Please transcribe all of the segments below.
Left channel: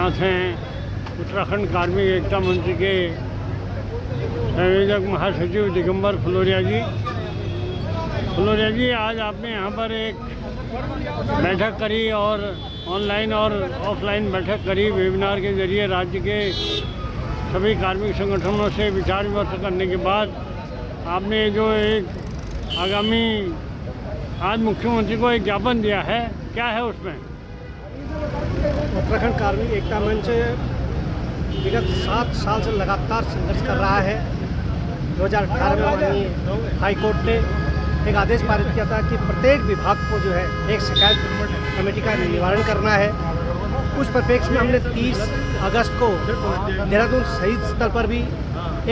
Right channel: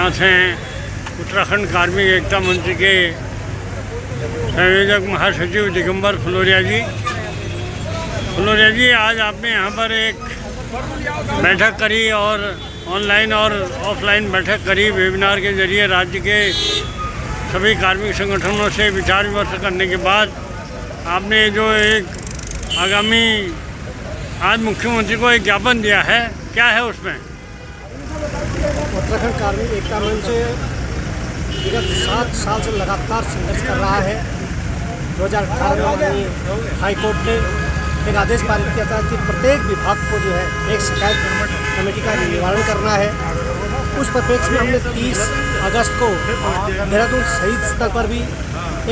साथ हैं उत्तराखंड कार्मिक एकता मंच के संयोजक महासचिव दिगंबर फलोरिया जी। फलोरिया जी, आज आपने यहाँ पर एक बैठक करी और ऑनलाइन और ऑफलाइन बैठक करी, वेबिनार के जरिए राज्य के सभी कार्मिक संगठनों से विचार विमर्श करने के बाद आपने जो एक आगामी आज मुख्यमंत्री को एक ज्ञापन दिया है, क्या है उसमें? उत्तराखंड कार्मिक एकता मंच विगत 7 साल से लगातार संघर्ष कर रहा है। 2018 में माननीय हाईकोर्ट ने एक आदेश पारित किया था कि प्रत्येक विभाग को जो है एक शिकायत कमेटी का निवारण करना है। उस परिप्रेक्ष्य में हमने 30 अगस्त को देहरादून शहीद स्थल पर भी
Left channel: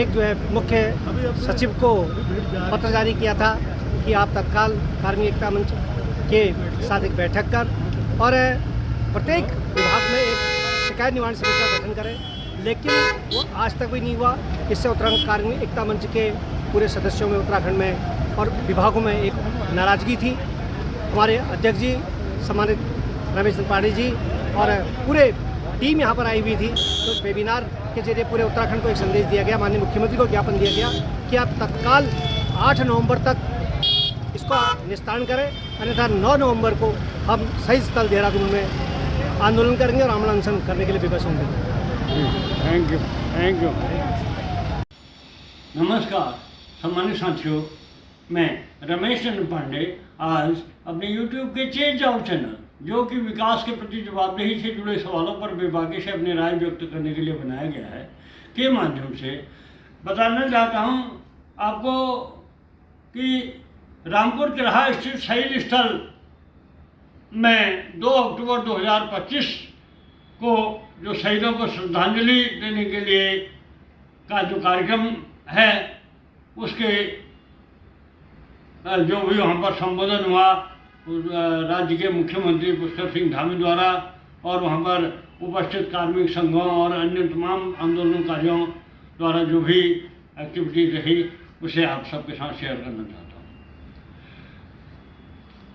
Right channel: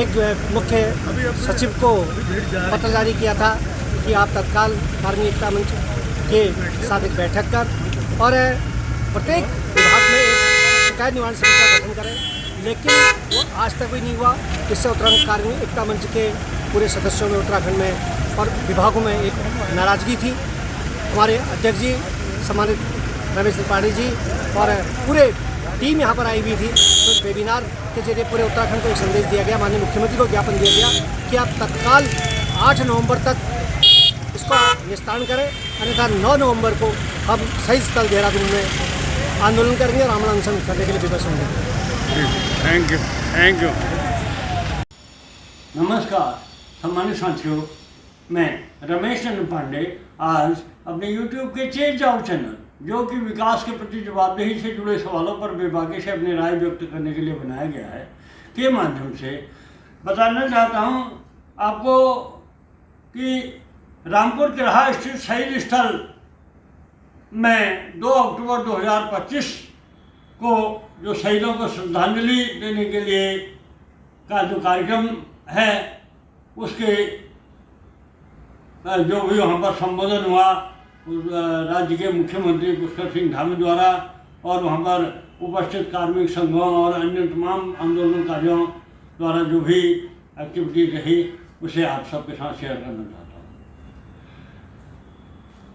एक जो है मुख्य सचिव को पत्र जारी किया था कि आप तत्काल कार्मिक एकता मंच के साथ एक बैठक कर और प्रत्येक विभाग में एक शिकायत निवारण समिति का गठन करें, लेकिन वो आज तक भी नहीं हुआ। इससे उत्तराखंड कार्मिक एकता मंच के पूरे सदस्यों में उत्तराखंड में और विभागों में एक नाराज़गी थी। हमारे अध्यक्ष जी सम्मानित रमेश त्रिपाठी जी और पूरे टीम यहाँ पर आई हुई थी। तो वेबिनार के जरिए पूरे उत्तराखंड को एक संदेश दिया गया, माननीय मुख्यमंत्री को ज्ञापन दिया गया कि आप तत्काल 8 नवंबर तक इसका निस्तारण करें, अन्यथा 9 नवंबर को हम शहीद स्थल देहरादून में आंदोलन करेंगे और आमरण अनशन करने के लिए विवश होंगे। Thank you. नमस्कार सम्मानित साथियों, मैं रमेश चंद्र पांडे आज अपने YouTube के चेंज आउट चैनल, जो कि विकास के प्रति जवाबदेही से जुड़े सवालों पर बेबाकी से अपनी राय व्यक्त करने के लिए बनाया गया है, के माध्यम से बताना चाहता हूं आपको कि रामपुर तिराहा स्थित शहीद स्थल में 2 अक्टूबर 2025 को जो शहीदों को श्रद्धांजलि देने के लिए का जो कार्यक्रम है, उसके जो भी वहाँ पर संबोधन हुआ राज्य के मुख्यमंत्री पुष्कर सिंह धामी द्वारा और वहाँ पर उपस्थित कार्मिक संघों और अन्य तमाम आंदोलनकारियों द्वारा जो भी एक्टिविटीज रही, उसे आप सबके साथ शेयर करना चाहता हूँ।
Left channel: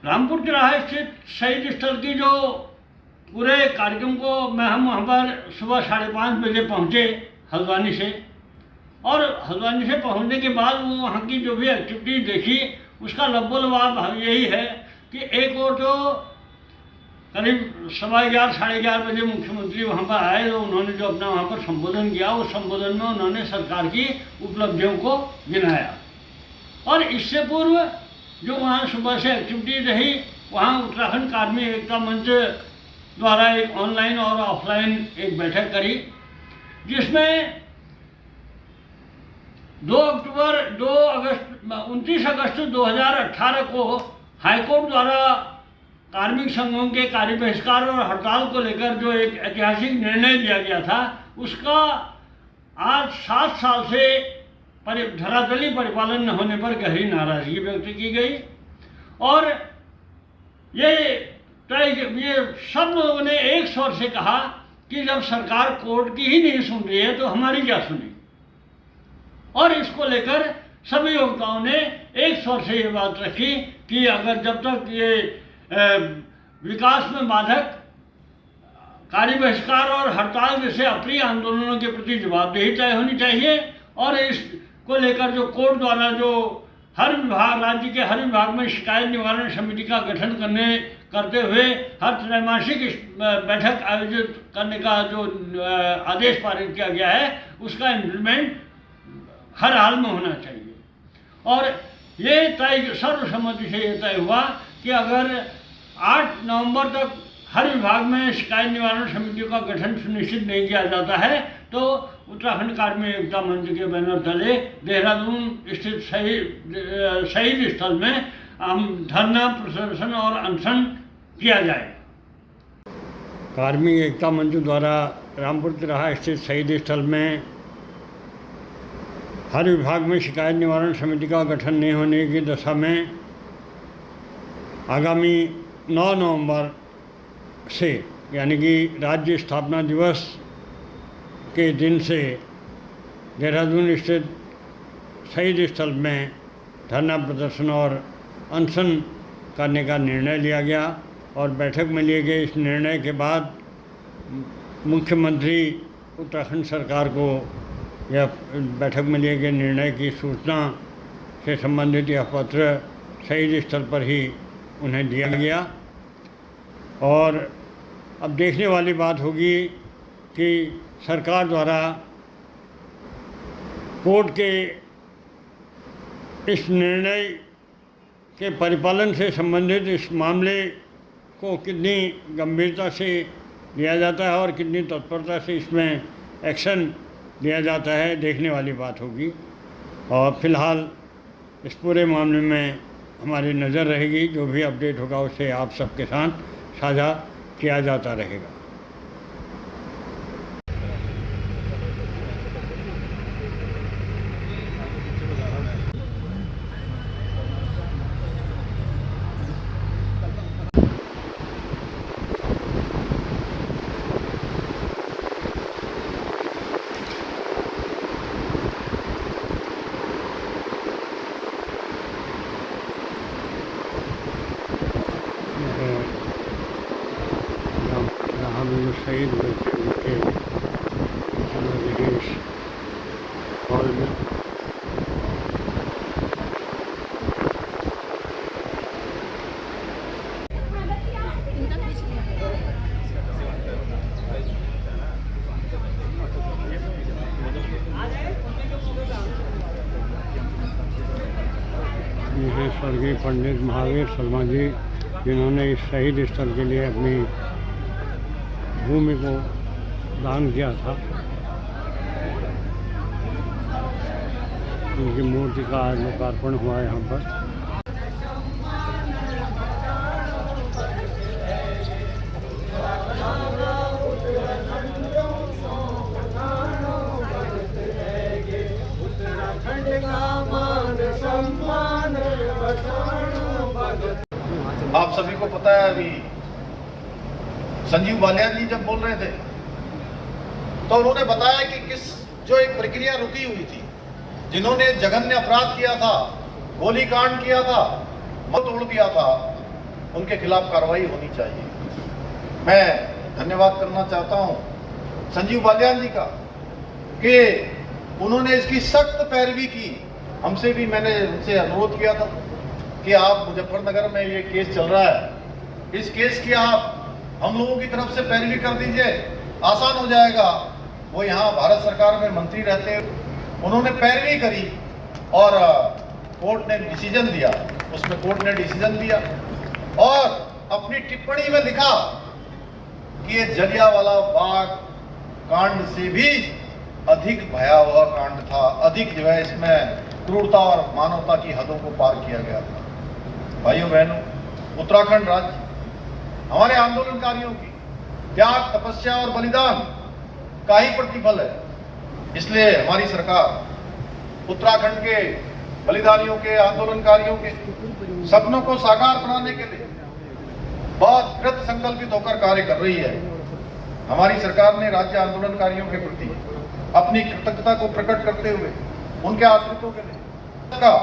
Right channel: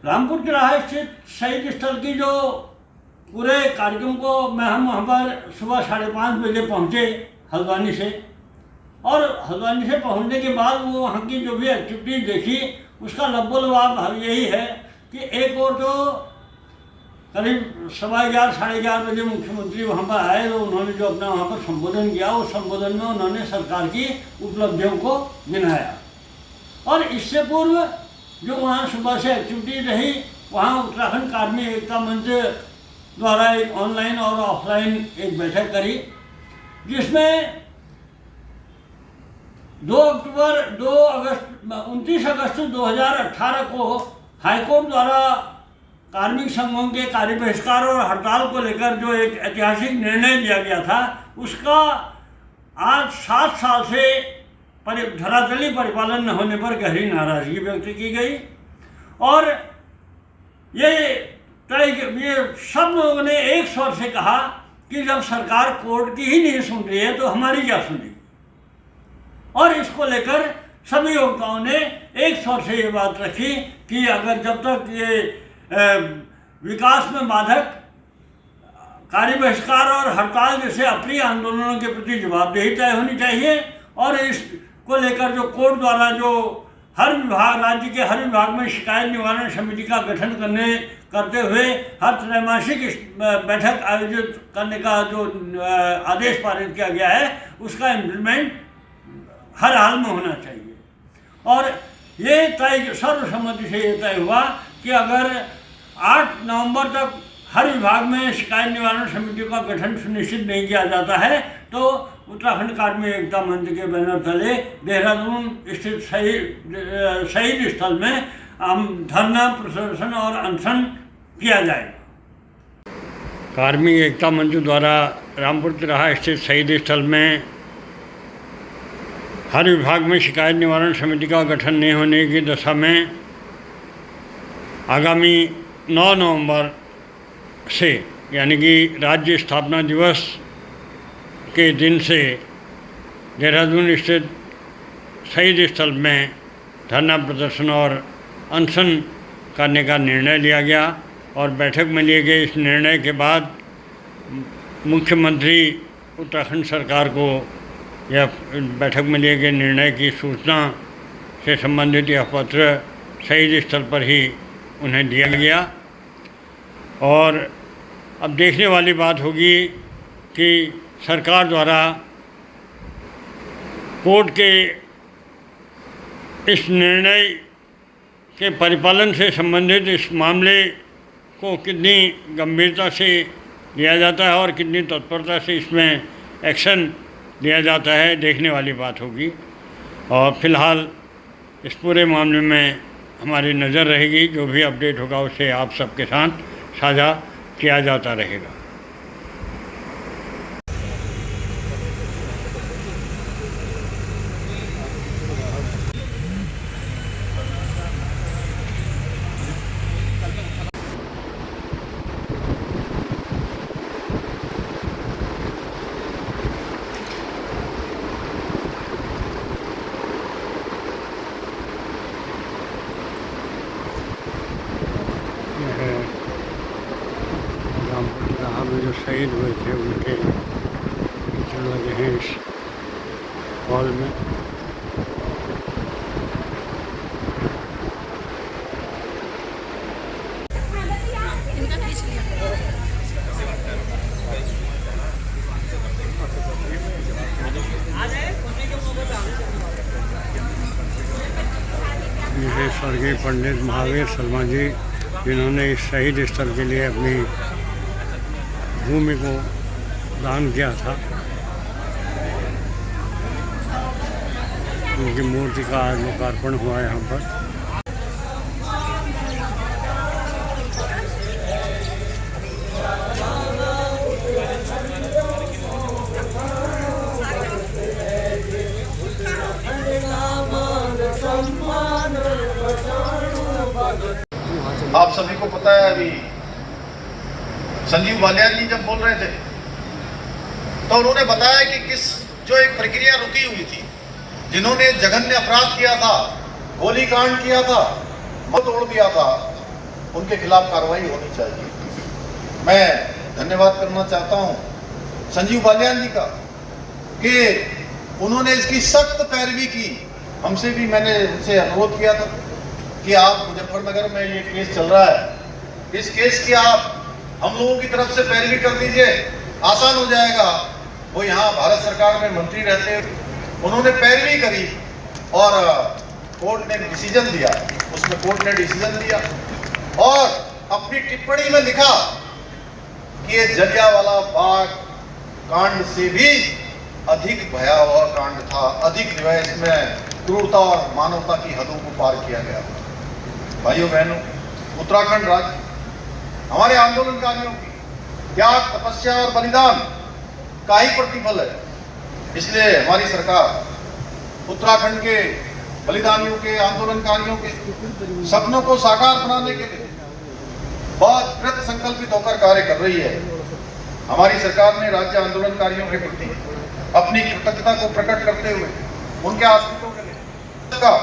रामपुर तिराहा स्थित शहीद स्थल की जो पूरे कार्यक्रम को हम वहाँ पर सुबह 5:30 बजे पहुँचे हल्द्वानी से, और हल्द्वानी से पहुँचने के बाद वो वहाँ की जो भी एक्टिविटीज देखी, उसका लब्बोलबाब यही है कि एक और तो करीब 11:15 साढ़े 11 बजे मुख्यमंत्री वहाँ पर आए, तो उन्होंने जो अपना वहाँ पर संबोधन किया, उस संबोधन में उन्होंने सरकार की उपलब्धियों को गिनाया। और इससे पूर्व जो वहाँ सुबह से एक्टिविटीज रही, वहाँ उत्तराखंड कार्मिक एकता मंच द्वारा एक ऑनलाइन और ऑफलाइन एक बैठक करी, जिसमें 29 अगस्त 2018 को हाईकोर्ट द्वारा कार्मिक संघों के कार्य बहिष्कार और हड़ताल को लेकर जो एक ऐतिहासिक निर्णय लिया गया था, उसका आज 7 साल से धरातली परिपालन न होने पर गहरी नाराजगी व्यक्त की गई। और ये सब लोगों ने एक स्वर से कहा कि जब सरकार कोर्ट की ही नहीं सुन रही है तो हमारी क्या सुनेगी। और इसको लेकर सभी वक्ताओं ने एक स्वर से ये बात रखी कि अगर जब तक ये विकास में बाधक कार्य बहिष्कार और हड़ताल जैसे अप्रिय आंदोलनों के प्रति जवाबदेही तय होनी चाहिए, और इसको लेकर जो कोर्ट द्वारा जो हर विभाग, राज्य के हर विभाग में शिकायत निवारण समिति का गठन करते हुए हर त्रैमासिक बैठक आयोजित करने का जो आदेश पारित किया गया है, उसका इम्प्लीमेंट हर हाल में होना चाहिए। और ये तय सर्वसम्मति से ये तय हुआ कि अगर 8 नवंबर तक हर विभाग में शिकायत निवारण समितियों का गठन सुनिश्चित नहीं किया जाता है, तो उत्तराखंड कार्मिक एकता मंच के बैनर तले देहरादून स्थित शहीद स्थल में धरना, प्रदर्शन और अनशन किया जाएगा। कार्मिक एकता मंच द्वारा रामपुर तिराहा स्थित शहीद स्थल में हर विभाग में शिकायत निवारण समिति का गठन नहीं होने की दशा में आगामी 9 नवंबर से, यानी कि राज्य स्थापना दिवस के दिन से देहरादून स्थित शहीद स्थल में धरना, प्रदर्शन और अनशन करने का निर्णय लिया गया। और बैठक में लिए गए इस निर्णय के बाद मुख्यमंत्री उत्तराखंड सरकार को यह बैठक में लिए गए निर्णय की सूचना से संबंधित यह पत्र शहीद स्थल पर ही उन्हें दिया गया। और अब देखने वाली बात होगी कि सरकार द्वारा कोर्ट के इस निर्णय के परिपालन से संबंधित इस मामले को कितनी गंभीरता से लिया जाता है और कितनी तत्परता से इसमें एक्शन लिया जाता है, देखने वाली बात होगी। और फिलहाल इस पूरे मामले में हमारी नज़र रहेगी, जो भी अपडेट होगा उसे आप सबके साथ साझा किया जाता रहेगा। जहाँ में जो शहीद हुए थे उनके चल रहे हैं इस हॉल में। ये है स्वर्गीय पंडित महावीर शर्मा जी, जिन्होंने इस शहीद स्थल के लिए अपनी भूमि को दान किया था। उनकी मूर्ति का आज लोकार्पण हुआ है यहाँ पर। आप सभी को पता है, अभी संजीव बालियान जी जब बोल रहे थे तो उन्होंने बताया कि जो एक प्रक्रिया रुकी हुई थी, जिन्होंने जघन्य अपराध किया था, गोली कांड किया था, तोड़ दिया था, उनके खिलाफ कार्रवाई होनी चाहिए। मैं धन्यवाद करना चाहता हूं संजीव बालियान जी का कि उन्होंने इसकी सख्त पैरवी की। हमसे भी मैंने उनसे अनुरोध किया था कि आप मुजफ्फरनगर में ये केस चल रहा है, इस केस की आप हम लोगों की तरफ से पैरवी कर दीजिए, आसान हो जाएगा। वो यहाँ भारत सरकार में मंत्री रहते हैं, उन्होंने पैरवी करी और कोर्ट ने डिसीजन दिया। उसमें कोर्ट ने डिसीजन दिया और अपनी टिप्पणी में लिखा कि ये जलियांवाला बाग कांड से भी अधिक भयावह कांड था, अधिक जो है इसमें क्रूरता और मानवता की हदों को पार किया गया। भाइयों बहनों, उत्तराखंड राज्य हमारे आंदोलनकारियों की त्याग, तपस्या और बलिदान का ही प्रतिफल है। इसलिए हमारी सरकार उत्तराखंड के बलिदानियों के, आंदोलनकारियों के सपनों को साकार बनाने के लिए बहुत कृत संकल्पित होकर कार्य कर रही है। हमारी सरकार ने राज्य आंदोलनकारियों के प्रति अपनी कृतज्ञता को प्रकट करते हुए उनके आश्रितों के लिए का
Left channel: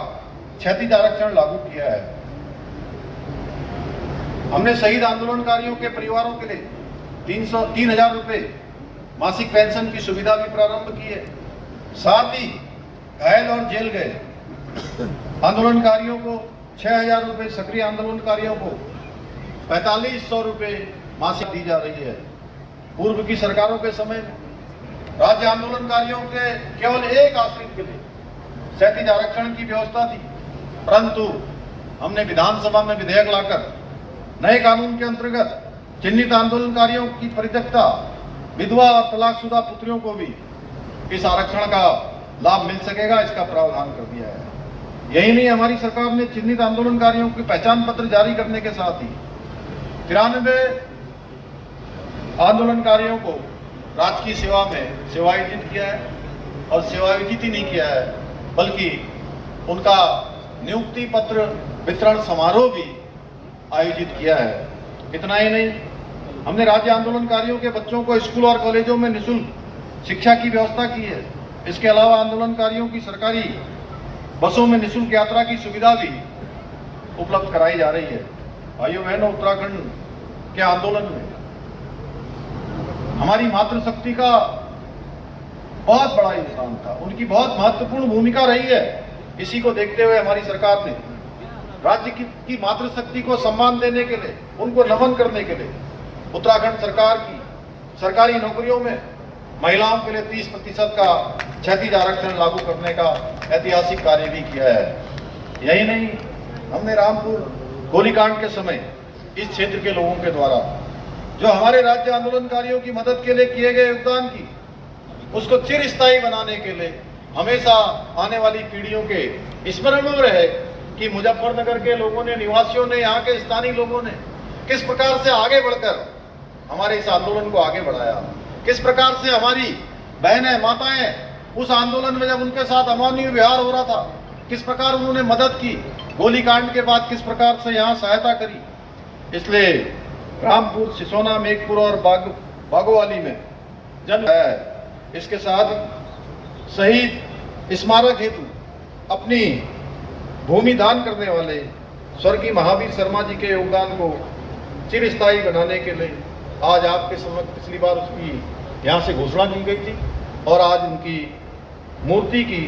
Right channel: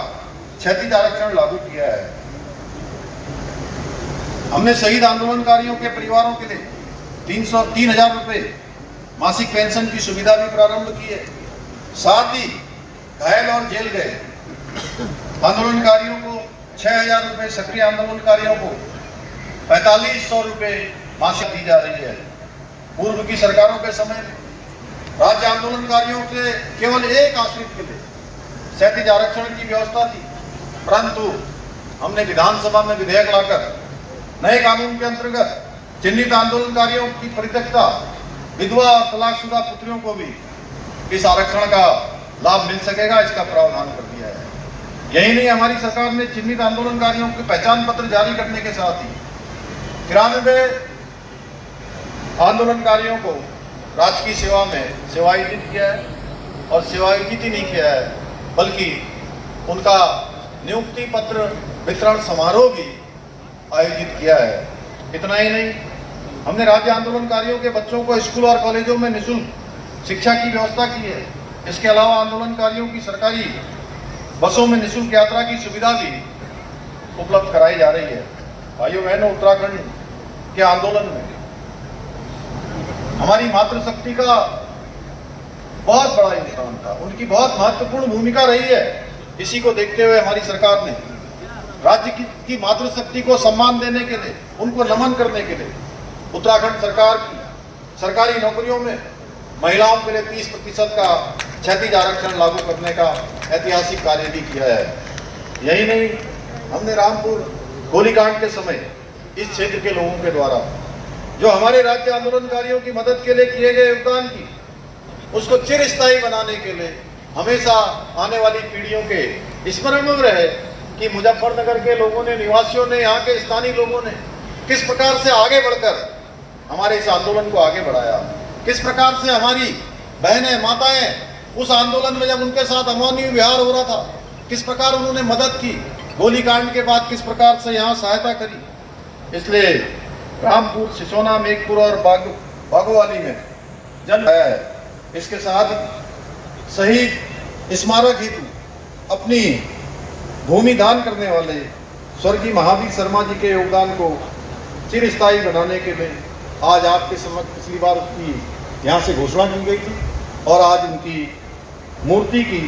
क्षैतिज आरक्षण लागू किया है। हमने शहीद आंदोलनकारियों के परिवारों के लिए 3,000 रुपए मासिक पेंशन की सुविधा भी प्रारंभ की है। साथ ही घायल और जेल गए आंदोलनकारियों को 6,000 रुपए, सक्रिय आंदोलनकारियों को 4,500 रुपए मासिक दी जा रही है। पूर्व की सरकारों के समय राज्य आंदोलनकारियों के केवल एक आश्रित के लिए क्षैतिज आरक्षण की व्यवस्था थी, परंतु हमने विधानसभा में विधेयक लाकर नए कानून के अंतर्गत चिन्हित आंदोलनकारियों की परित्यक्ता विधवा और तलाकशुदा पुत्रियों को भी इस आरक्षण का लाभ मिल सकेगा, इसका प्रावधान कर दिया है। यही नहीं, हमारी सरकार ने चिन्हित आंदोलनकारियों के पहचान पत्र जारी करने के साथ ही 93 आंदोलनकारियों को राजकीय सेवा में सेवायोजित किया है और सेवायोजित ही नहीं किया है, बल्कि उनका नियुक्ति पत्र वितरण समारोह भी आयोजित किया है। इतना ही नहीं, हमने राज्य आंदोलनकारियों के बच्चों को स्कूल और कॉलेजों में निःशुल्क शिक्षा की व्यवस्था की है। इसके अलावा आंदोलनकारियों की सरकारी बसों में निःशुल्क यात्रा की सुविधा भी उपलब्ध कराई जा रही है। भाइयों बहनों, उत्तराखंड के आंदोलन में हमारी मातृशक्ति का बहुत बड़ा योगदान था, उनकी बहुत महत्वपूर्ण भूमिका रही है। इसी को देखते हुए हमारी सरकार ने राज्य की मातृशक्ति को सम्मान देने के लिए, उनको नमन करने के लिए उत्तराखंड सरकार की सरकारी नौकरियों में महिलाओं के लिए 30% का क्षैतिज आरक्षण लागू करने का ऐतिहासिक कार्य भी किया है। यही नहीं, हमने रामपुर गोलीकांड के समय इस क्षेत्र के लोगों के द्वारा जो हमारे राज्य आंदोलनकारियों की मदद के लिए किए गए योगदान की, उसको चिरस्थायी बनाने के लिए हमेशा आने वाली पीढ़ियों के स्मरण में रहे कि मुजफ्फरनगर के लोगों ने, निवासियों ने, यहाँ के स्थानीय लोगों ने किस प्रकार से आगे बढ़कर हमारे इस आंदोलन को आगे बढ़ाया, किस प्रकार से हमारी बहनें, माताएं उस आंदोलन में जब उनके साथ अमानवीय व्यवहार हो रहा था, किस प्रकार उन्होंने मदद की, गोलीकांड के बाद किस प्रकार से यहाँ सहायता करी। इसलिए रामपुर, सिसोना, मेघपुर और बागोवाली में जन्म है। इसके साथ शहीद स्मारक हेतु अपनी भूमि दान करने वाले स्वर्गीय महावीर शर्मा जी के योगदान को चिरस्थायी बनाने के लिए आज आपके समक्ष पिछली बार उसकी यहाँ से घोषणा की गई थी और आज उनकी मूर्ति की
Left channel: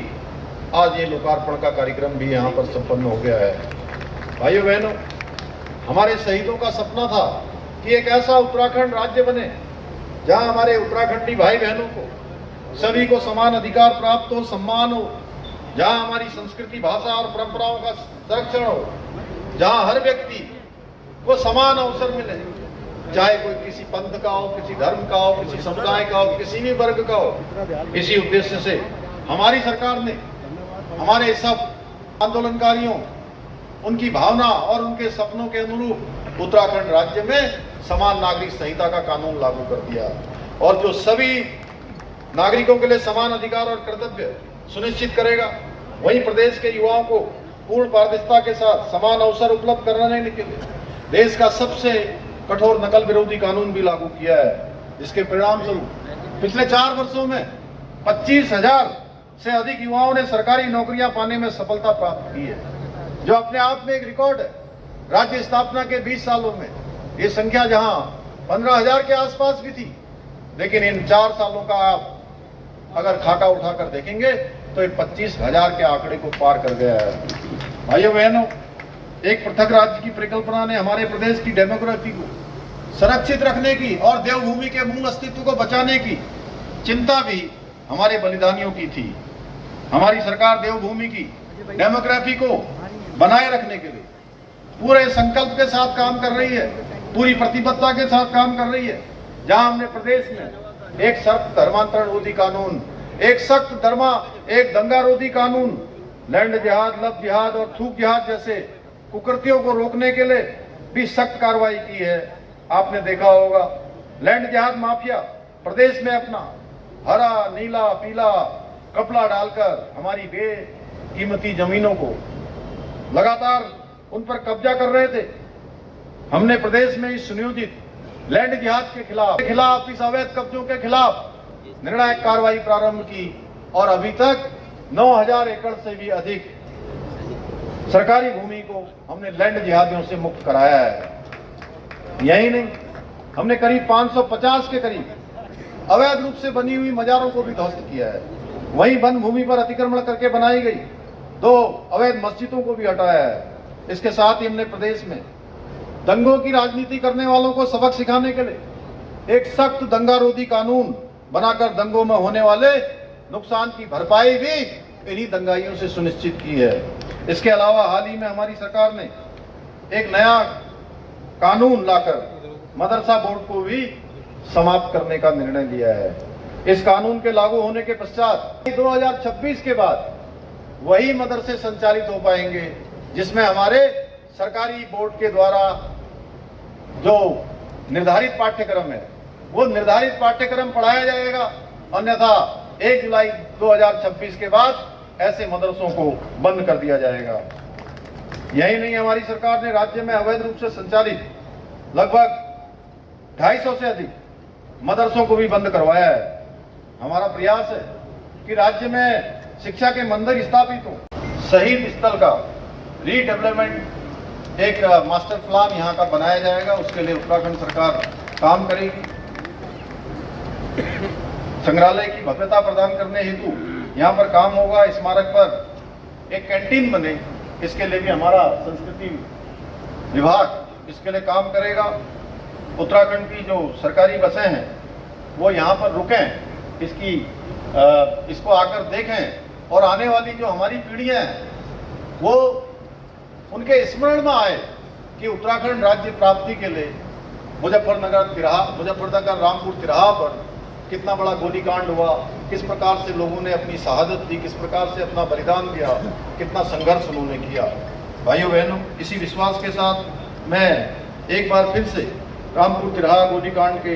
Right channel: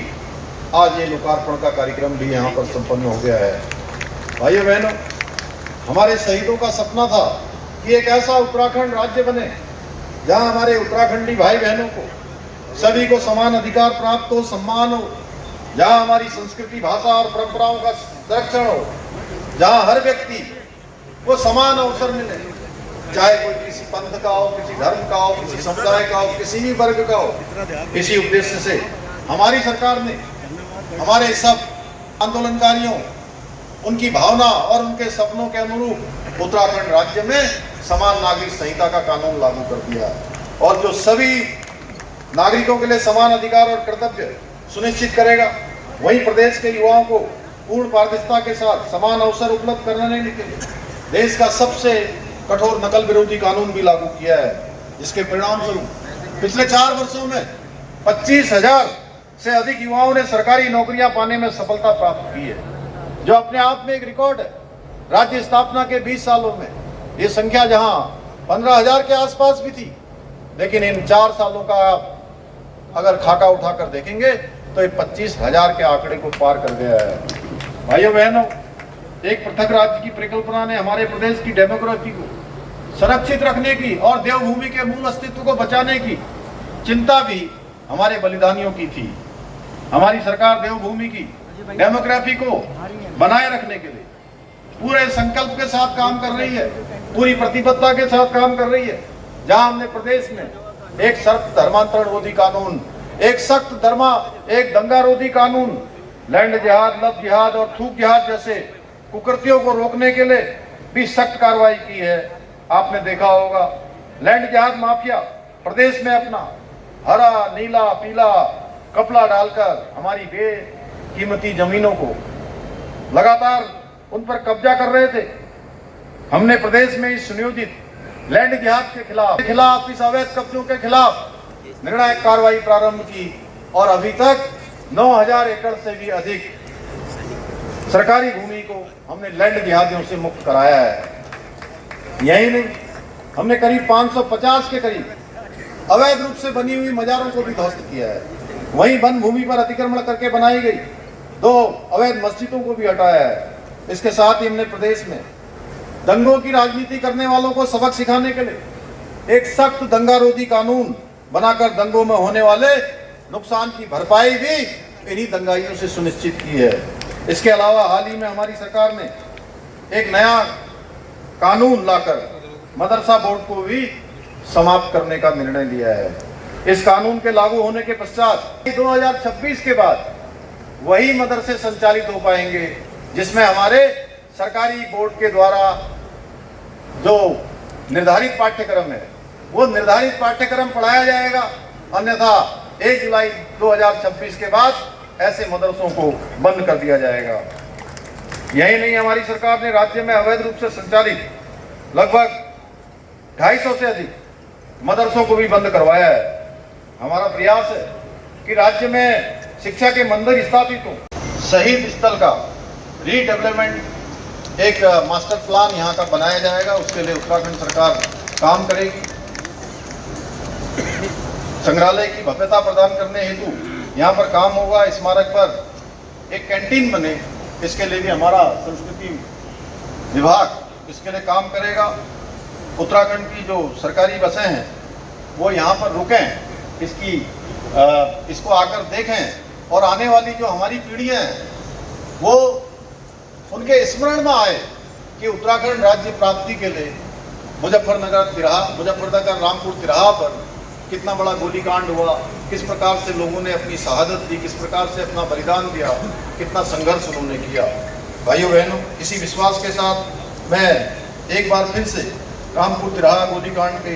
आज ये लोकार्पण का कार्यक्रम भी यहाँ पर संपन्न हो गया है। भाइयों बहनों, हमारे शहीदों का सपना था कि एक ऐसा उत्तराखंड राज्य बने जहाँ हमारे उत्तराखंडी भाई बहनों को सभी को समान अधिकार प्राप्त हो, सम्मान हो, जहाँ हमारी संस्कृति, भाषा और परंपराओं का संरक्षण हो, जहाँ हर व्यक्ति को समान अवसर मिले, चाहे कोई किसी पंथ का हो, किसी धर्म का हो, किसी समुदाय का हो, किसी भी वर्ग का हो। इसी उद्देश्य से हमारी सरकार ने हमारे सब आंदोलनकारियों, उनकी भावना और उनके सपनों के अनुरूप उत्तराखंड राज्य में समान नागरिक संहिता का कानून लागू कर दिया है और जो सभी नागरिकों के लिए समान अधिकार और कर्तव्य सुनिश्चित करेगा, वहीं प्रदेश के युवाओं को पूर्ण पारदर्शिता के साथ समान अवसर उपलब्ध कराने के लिए देश का सबसे कठोर नकल विरोधी कानून भी लागू किया है। जिसके परिणाम स्वरूप पिछले 4 वर्षों में 25,000 से अधिक युवाओं ने सरकारी नौकरियां पाने में सफलता प्राप्त की है, जो अपने आप में एक रिकॉर्ड है। राज्य स्थापना के 20 सालों में ये संख्या जहां 15,000 के आसपास भी थी, लेकिन इन 4 सालों का अगर खाका उठाकर देखेंगे तो ये 25,000 के आंकड़े को पार कर गया है। भाइयों बहनों, एक पृथक राज्य की परिकल्पना ने हमारे प्रदेश की डेमोग्राफी को संरक्षित रखने की और देवभूमि के मूल अस्तित्व को बचाने की चिंता भी हमारे बलिदानियों की थी। हमारी सरकार देवभूमि की डेमोग्राफी को बनाए रखने के लिए पूरे संकल्प के साथ काम कर रही है, पूरी प्रतिबद्धता के साथ काम कर रही है। जहां हमने प्रदेश में एक सख्त धर्मांतरण रोधी कानून, एक सख्त एक दंगा रोधी कानून, लैंड जिहाद, लव जिहाद और थूक जिहाद जैसे कुकृतियों को रोकने के लिए भी सख्त कार्रवाई की है। आपने देखा होगा लैंड जिहाद माफिया प्रदेश में अपना हरा, नीला, पीला कपड़ा डालकर हमारी बेकीमती जमीनों को लगातार उन पर कब्जा कर रहे थे। हमने प्रदेश में इस सुनियोजित लैंड जिहाद के खिलाफ इस अवैध कब्जों के खिलाफ निर्णायक कार्रवाई प्रारंभ की और अभी तक 9,000 एकड़ से भी अधिक सरकारी भूमि को हमने लैंड जिहादियों से मुक्त कराया है। यही नहीं, हमने करीब 550 के करीब अवैध रूप से बनी हुई मजारों को भी ध्वस्त किया है। वहीं वन भूमि पर अतिक्रमण करके बनाई गई 2 अवैध मस्जिदों को भी हटाया है। इसके साथ ही हमने प्रदेश में दंगों की राजनीति करने वालों को सबक सिखाने के लिए एक सख्त दंगा रोधी कानून बनाकर दंगों में होने वाले नुकसान की भरपाई भी इन्हीं दंगाइयों से सुनिश्चित की है। इसके अलावा हाल ही में हमारी सरकार ने एक नया कानून लाकर मदरसा बोर्ड को भी समाप्त करने का निर्णय लिया है। इस कानून के लागू होने के पश्चात 2026 के बाद वही मदरसे संचालित हो पाएंगे जिसमें हमारे सरकारी बोर्ड के द्वारा जो निर्धारित पाठ्यक्रम है वो निर्धारित पाठ्यक्रम पढ़ाया जाएगा। अन्यथा 1 जुलाई 2026 के बाद ऐसे मदरसों को बंद कर दिया जाएगा। यही नहीं, हमारी सरकार ने राज्य में अवैध रूप से संचालित लगभग 250 से अधिक मदरसों को भी बंद करवाया है। हमारा प्रयास है कि राज्य में शिक्षा के मंदिर स्थापित हो। शहीद स्थल का रीडेवलपमेंट एक मास्टर प्लान यहाँ का बनाया जाएगा, उसके लिए उत्तराखंड सरकार काम करेगी। संग्रहालय की भव्यता प्रदान करने हेतु यहाँ पर काम होगा। स्मारक पर एक कैंटीन बने, इसके लिए भी हमारा संस्कृति विभाग इसके लिए काम करेगा। उत्तराखंड की जो सरकारी बसें हैं वो यहाँ पर रुकें, इसको आकर देखें और आने वाली जो हमारी पीढ़ियाँ हैं वो उनके स्मरण में आए कि उत्तराखंड राज्य प्राप्ति के लिए मुजफ्फरनगर रामपुर तिराहा पर कितना बड़ा गोलीकांड हुआ, किस प्रकार से लोगों ने अपनी शहादत दी, किस प्रकार से अपना बलिदान दिया, कितना संघर्ष उन्होंने किया। भाइयों बहनों, इसी विश्वास के साथ मैं एक बार फिर से रामपुर तिराहा गोलीकांड के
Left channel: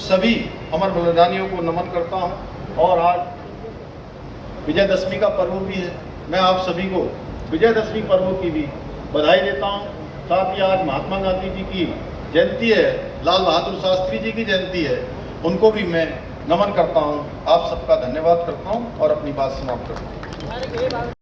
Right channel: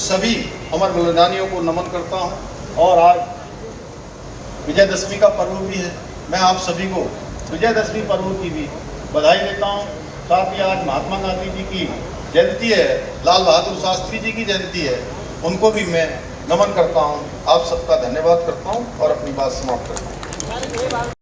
सभी अमर बलिदानियों को नमन करता हूँ। और आज विजयदशमी का पर्व भी है, मैं आप सभी को विजयदशमी पर्व की भी बधाई देता हूँ। साथ ही आज महात्मा गांधी जी की जयंती है, लाल बहादुर शास्त्री जी की जयंती है, उनको भी मैं नमन करता हूँ। आप सबका धन्यवाद करता हूँ और अपनी बात समाप्त करता हूँ।